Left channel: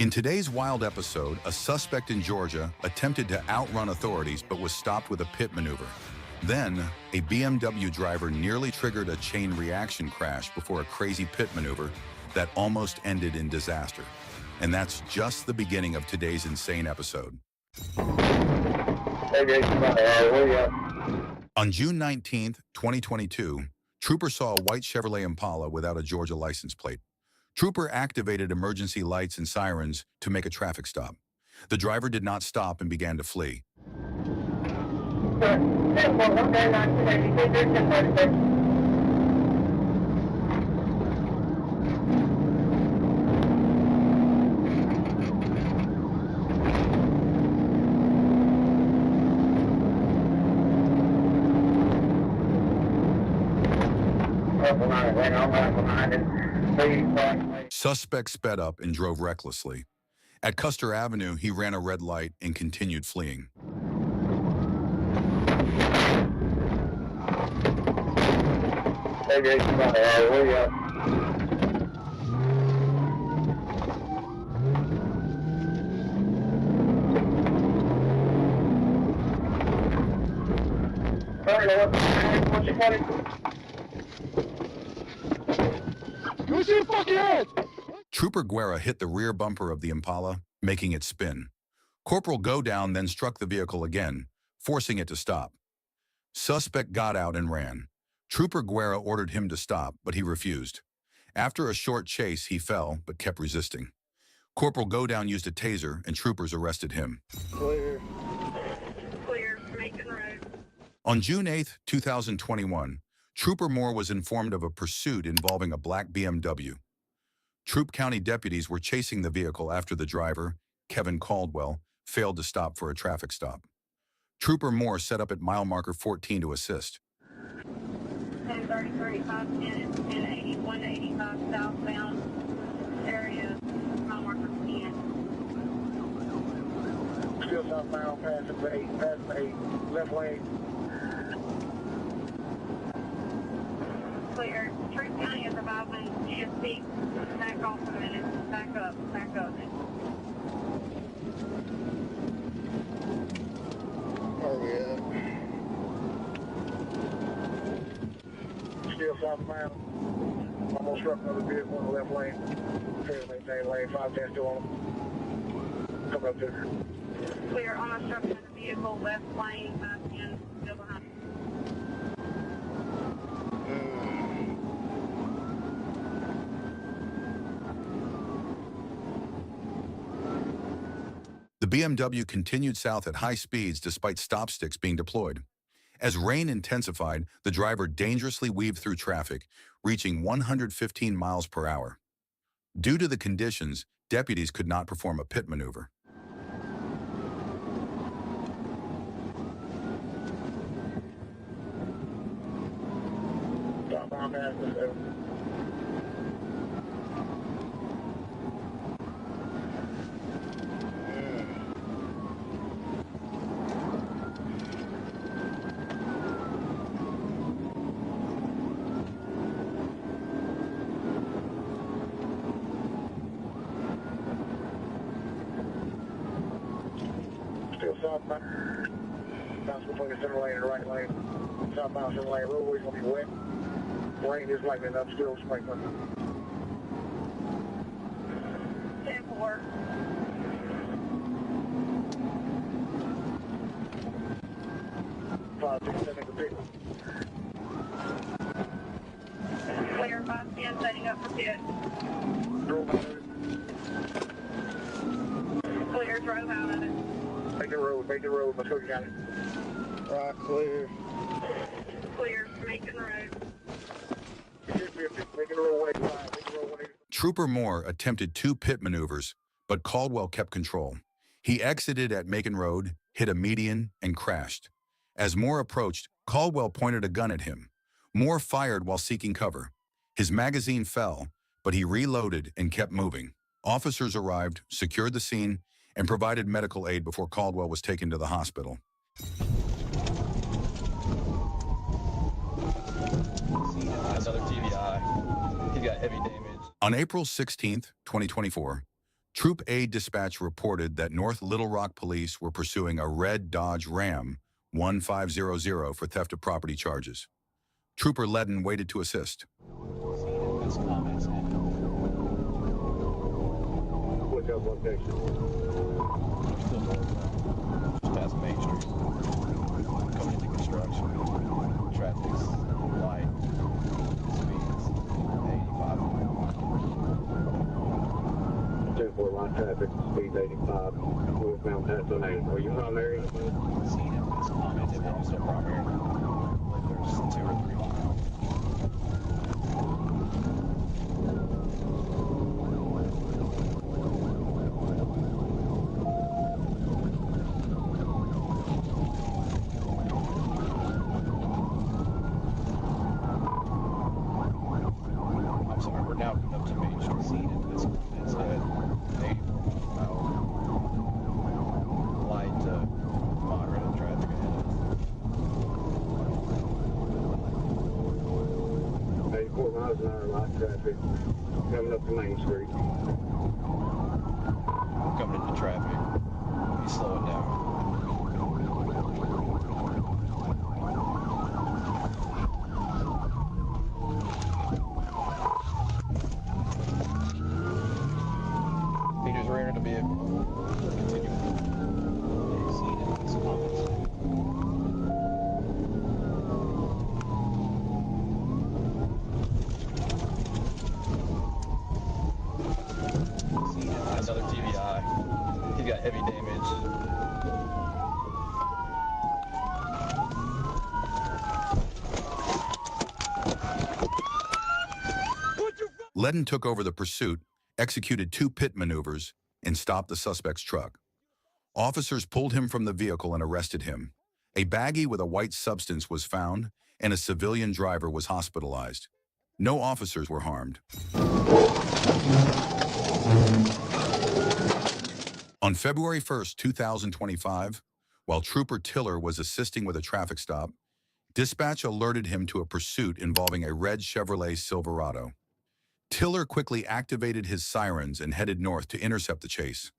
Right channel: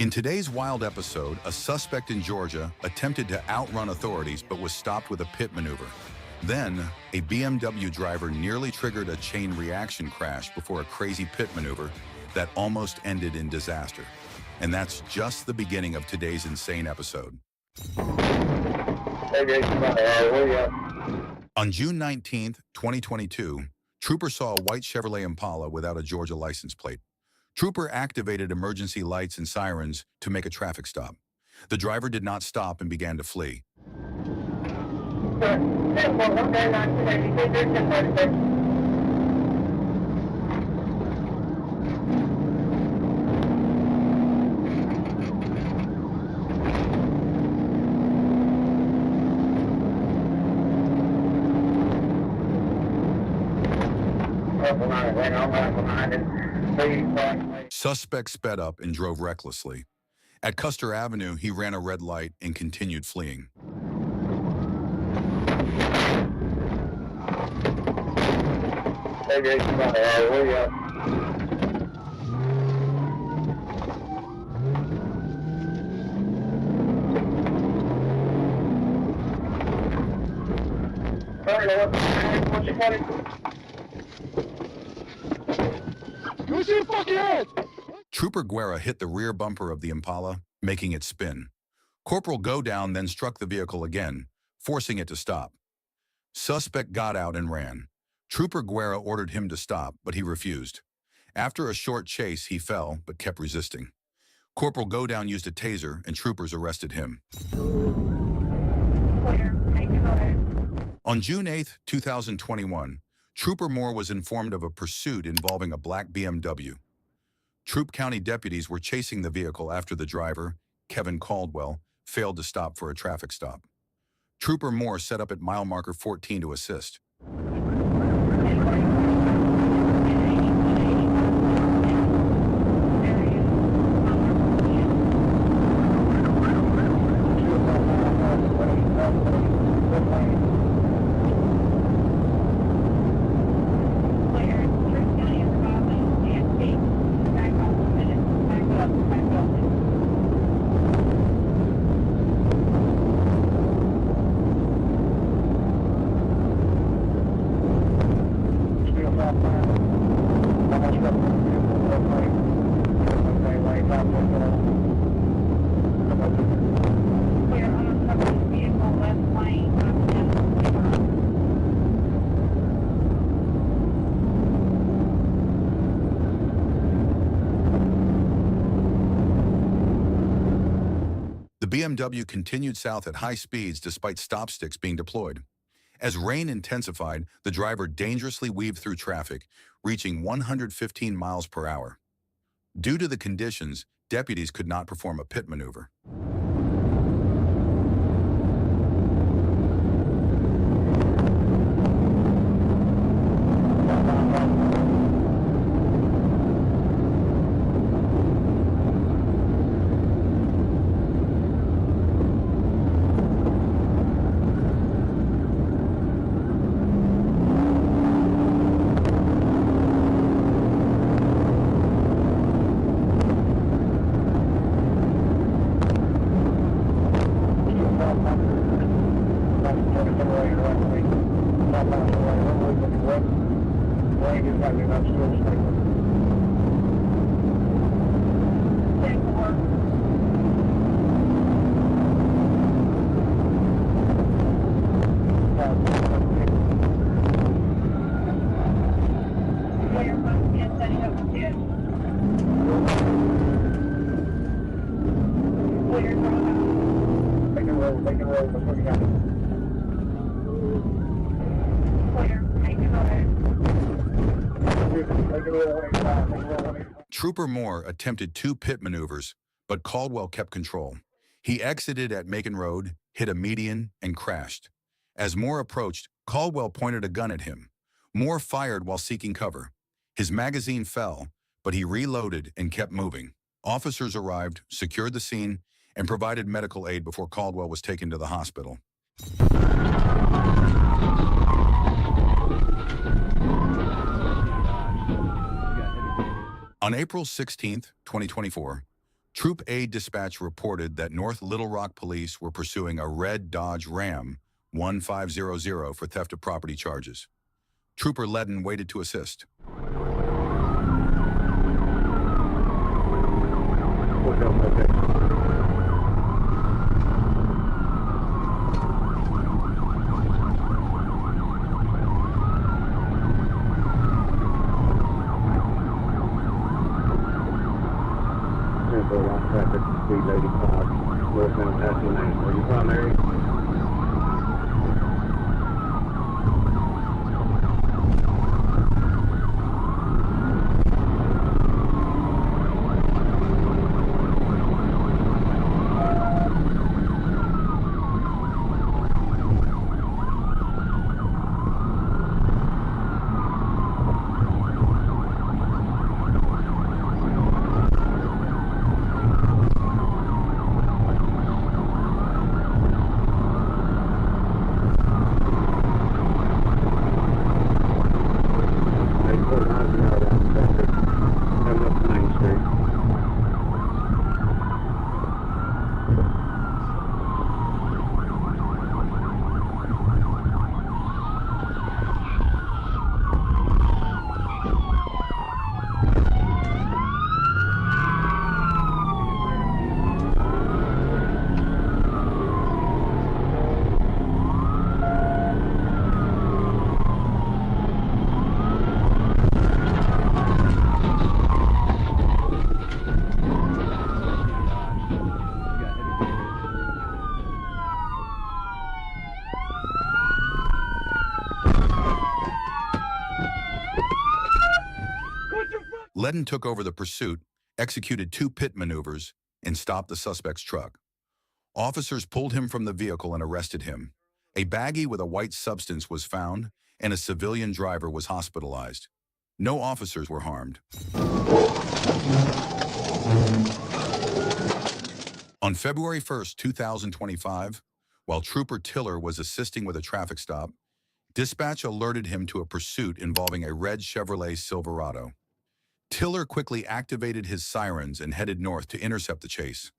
In today's wild episode, a suspect in Georgia attempted to outrun authorities but was stopped with a pit maneuver. Then, a BMW driver nearly triggered a chain reaction crash before a crazy pit maneuver that almost ended in disaster. And that's just the beginning of today's insane episode. On June 19th, 2022, Trooper saw a white Chevrolet Impala without a Georgia license plate. Trooper activated emergency lights and sirens to make a traffic stop. The driver did not stop and began to flee. Suspect sped up and drove recklessly. At Custer Avenue, he ran a red light and continued fleeing. Trooper Guerra hit the rear bumper of the Impala, making it spin. Corporal Godown then struck the vehicle again, forcing it to stop. Suspect got out and ran. Trooper Guerra ordered him to stop, but he refused. After a short chase, he fell, but kept resisting. Corporal Godown used a taser, and troopers arrested him. On June 8, 2021, Trooper Moore was informed of a pursuit involving a black BMW. Troup County deputies were chasing the vehicle after the driver, Kevin Caldwell, failed to stop for a traffic stop. Trooper Moore set up at mile marker 14 to assist. The BMW continued south at high speeds despite stop sticks being deployed. As rain intensified, the driver dangerously weaved through traffic, reaching 115 miles per hour. Due to the conditions, deputies could not perform a pit maneuver. Trooper Moore attempted 2 pit maneuvers, but Caldwell kept control. He exited at Macon Road, hit a median, and crashed. As Moore approached, Caldwell pointed a gun at him. Moore fired while seeking cover. His magazine fell, but he reloaded and kept moving. Officers arrived, secured the scene, and provided medical aid before Caldwell was taken to the hospital. On April 16, 2024, Troop A dispatch reported that North Little Rock police were pursuing a red Dodge Ram 1500 for theft of property charges. Trooper Ledden waited to assist. Ledden took over the pursuit, executed 2 pit maneuvers, and stopped the suspect's truck. Officers pulled him from the vehicle and arrested him. A baggie with a white substance was found, and a civilian driver was hospitalized. No officers were harmed. On February 1st, 2025, while Trooper Tiller was assisting with a traffic stop, dispatch alerted him to a pursuit involving a red Chevrolet Silverado. Tiller quickly activated his sirens and headed north to intercept the chase.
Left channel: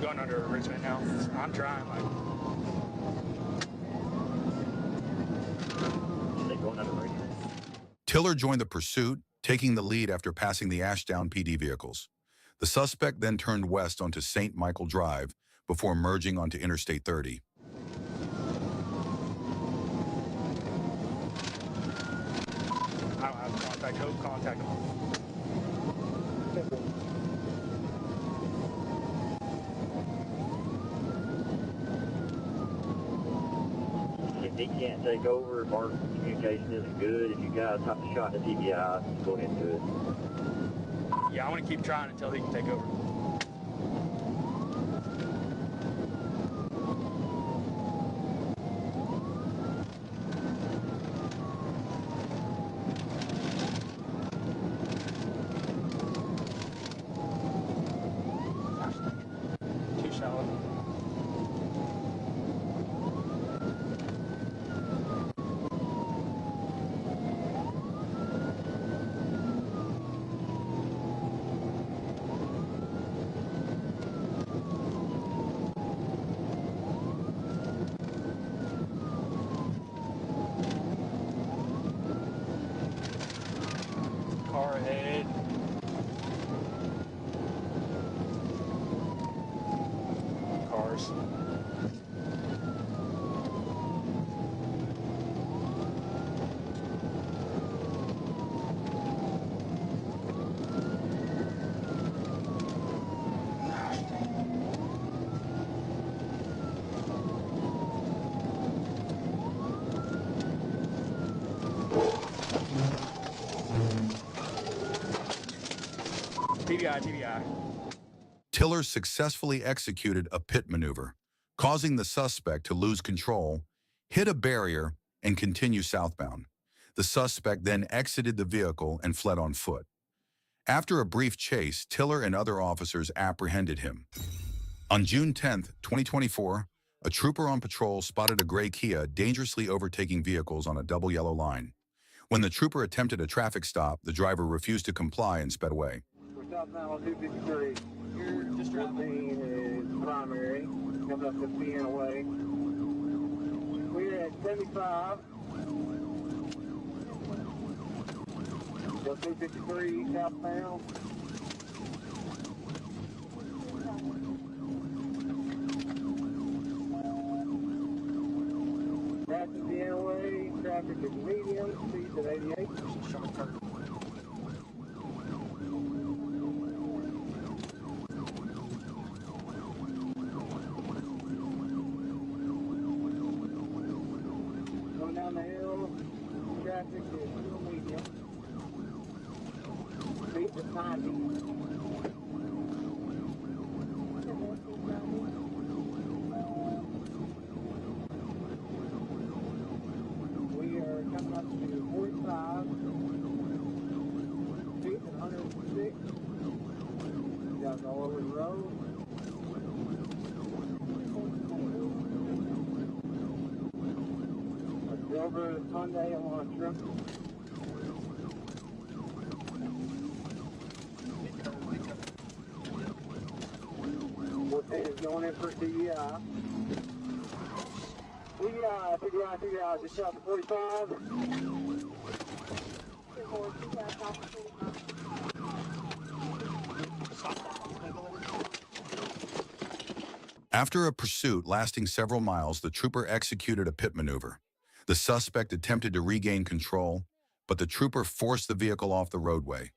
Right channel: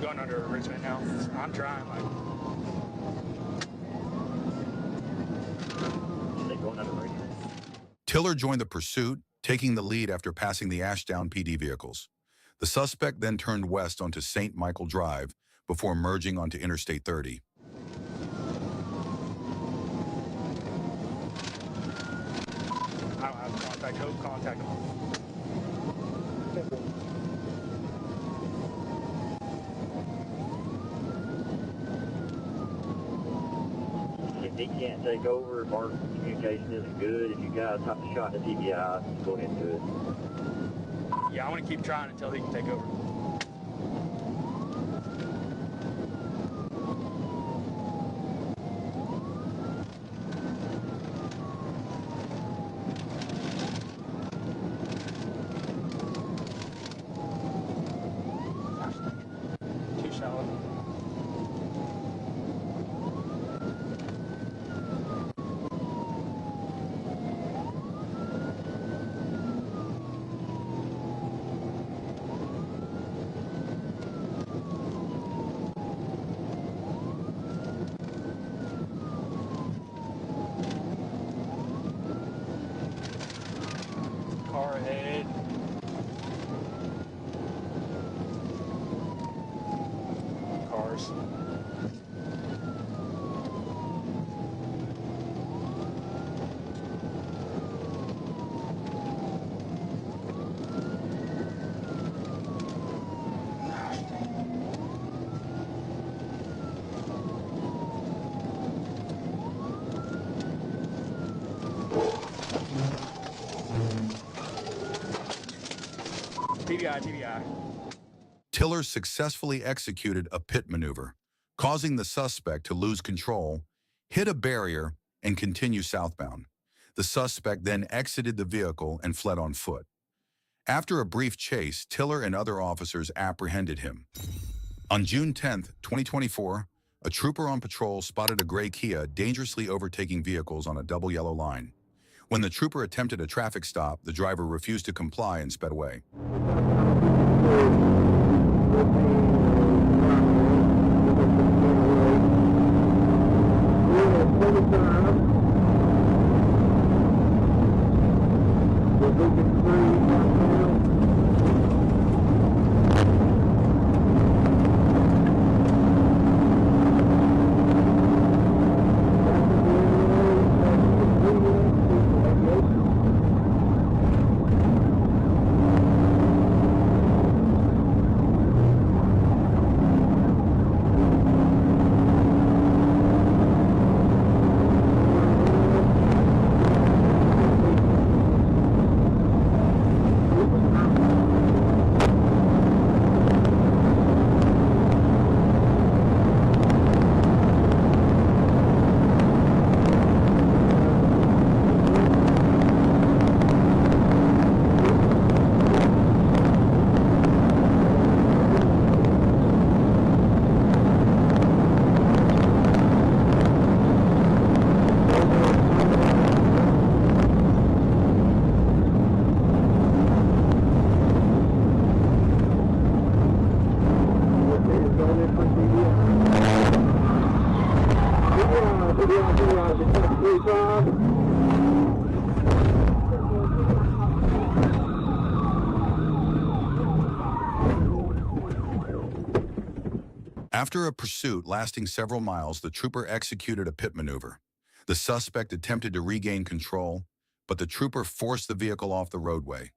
Going under arrangement now. I'm trying. They going under arrangement. Tiller joined the pursuit, taking the lead after passing the Ashdown PD vehicles. The suspect then turned west onto St. Michael Drive before merging onto Interstate 30. I don't have contact. Hope contact them. If he can't take over, if our communication isn't good, if you guys have to shot the TBI, go ahead and do it. Yeah, I want to keep trying until he can take over. Too shallow. Car ahead. Cars. TBI. Tiller successfully executed a pit maneuver, causing the suspect to lose control, hit a barrier, and continue southbound. The suspect then exited the vehicle and fled on foot. After a brief chase, Tiller and other officers apprehended him. On June 10, 2024, a trooper on patrol spotted a gray Kia dangerously overtaking vehicles on a double yellow line. When the trooper attempted a traffic stop, the driver refused to comply and sped away. After a pursuit lasting several miles, the trooper executed a pit maneuver. The suspect attempted to regain control, but the trooper forced the vehicle off the roadway.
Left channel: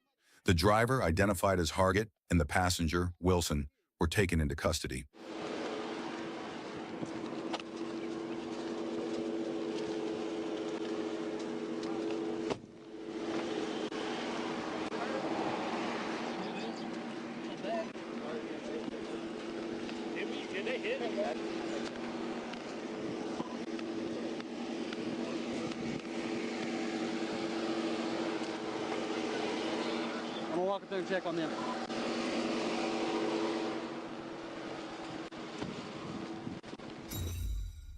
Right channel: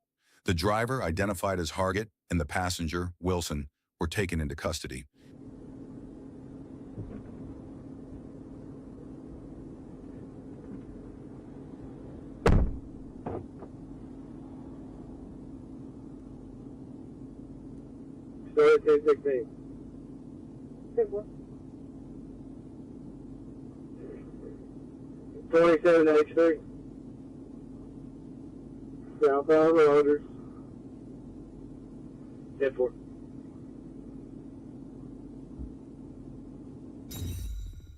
The driver, identified as Hargett, and the passenger, Wilson, were taken into custody. Southbound road. I'm gonna walk through and check on them.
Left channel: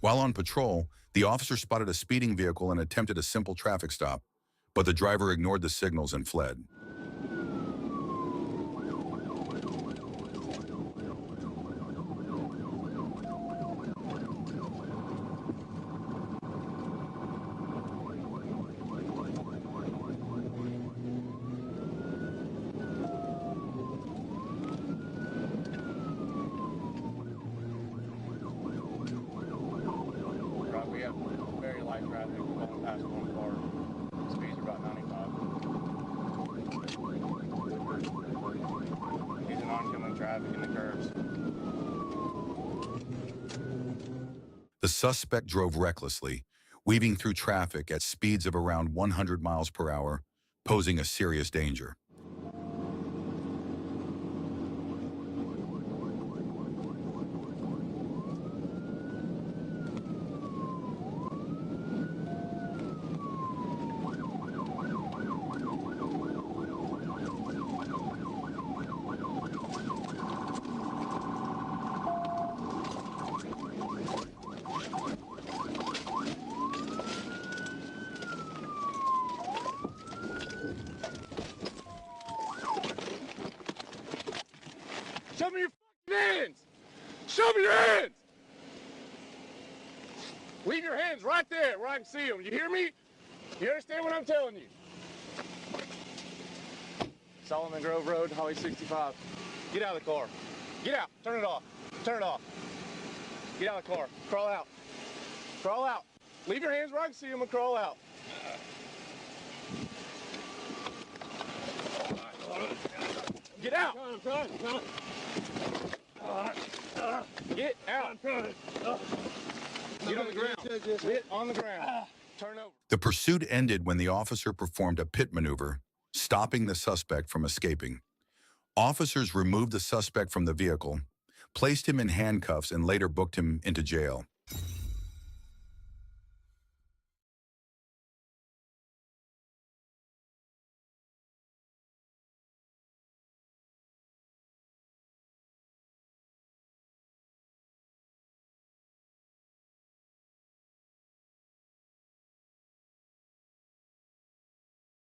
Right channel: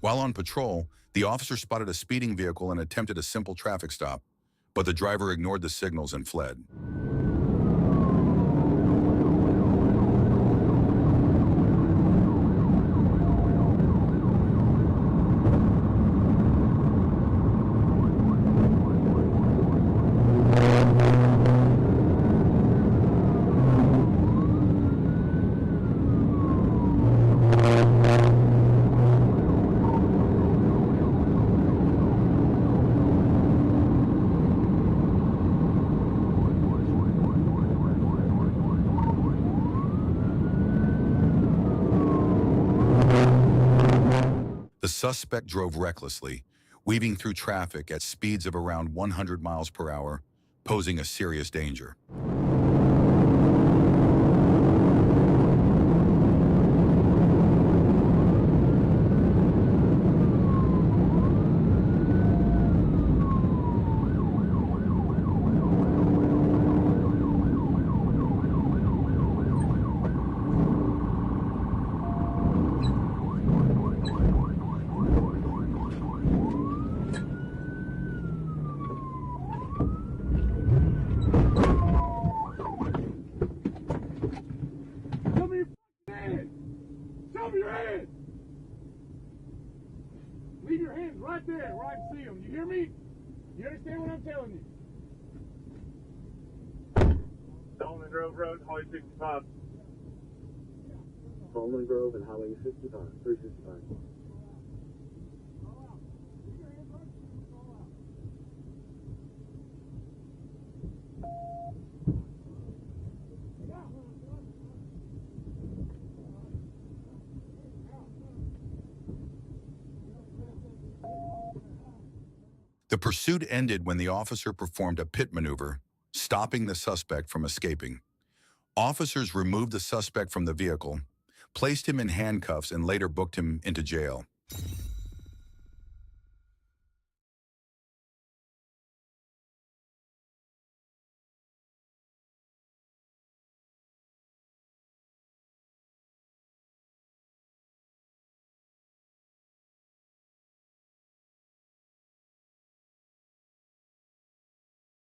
While on patrol, the officer spotted a speeding vehicle and attempted a simple traffic stop, but the driver ignored the signals and fled. The suspect drove recklessly, weaving through traffic at speeds of around 100 miles per hour, posing a serious danger. Show me your hands! Leave your hands right there where I can see them. You hear me? You understand what I'm telling you? Solomon Grove Road, Highway 65. Get out of the car. Get out. Turn it off. Turn it off. Get out of the car. Crawl out. Crawl out. Leave your hands where I can see them and crawl out. Get out. Get out. Get on the ground. Get on the ground. Turn over. The pursuit ended when the officer performed a pit maneuver, stopping the suspect from escaping. Officers removed the suspect from the vehicle, placed him in handcuffs, and later booked him into jail.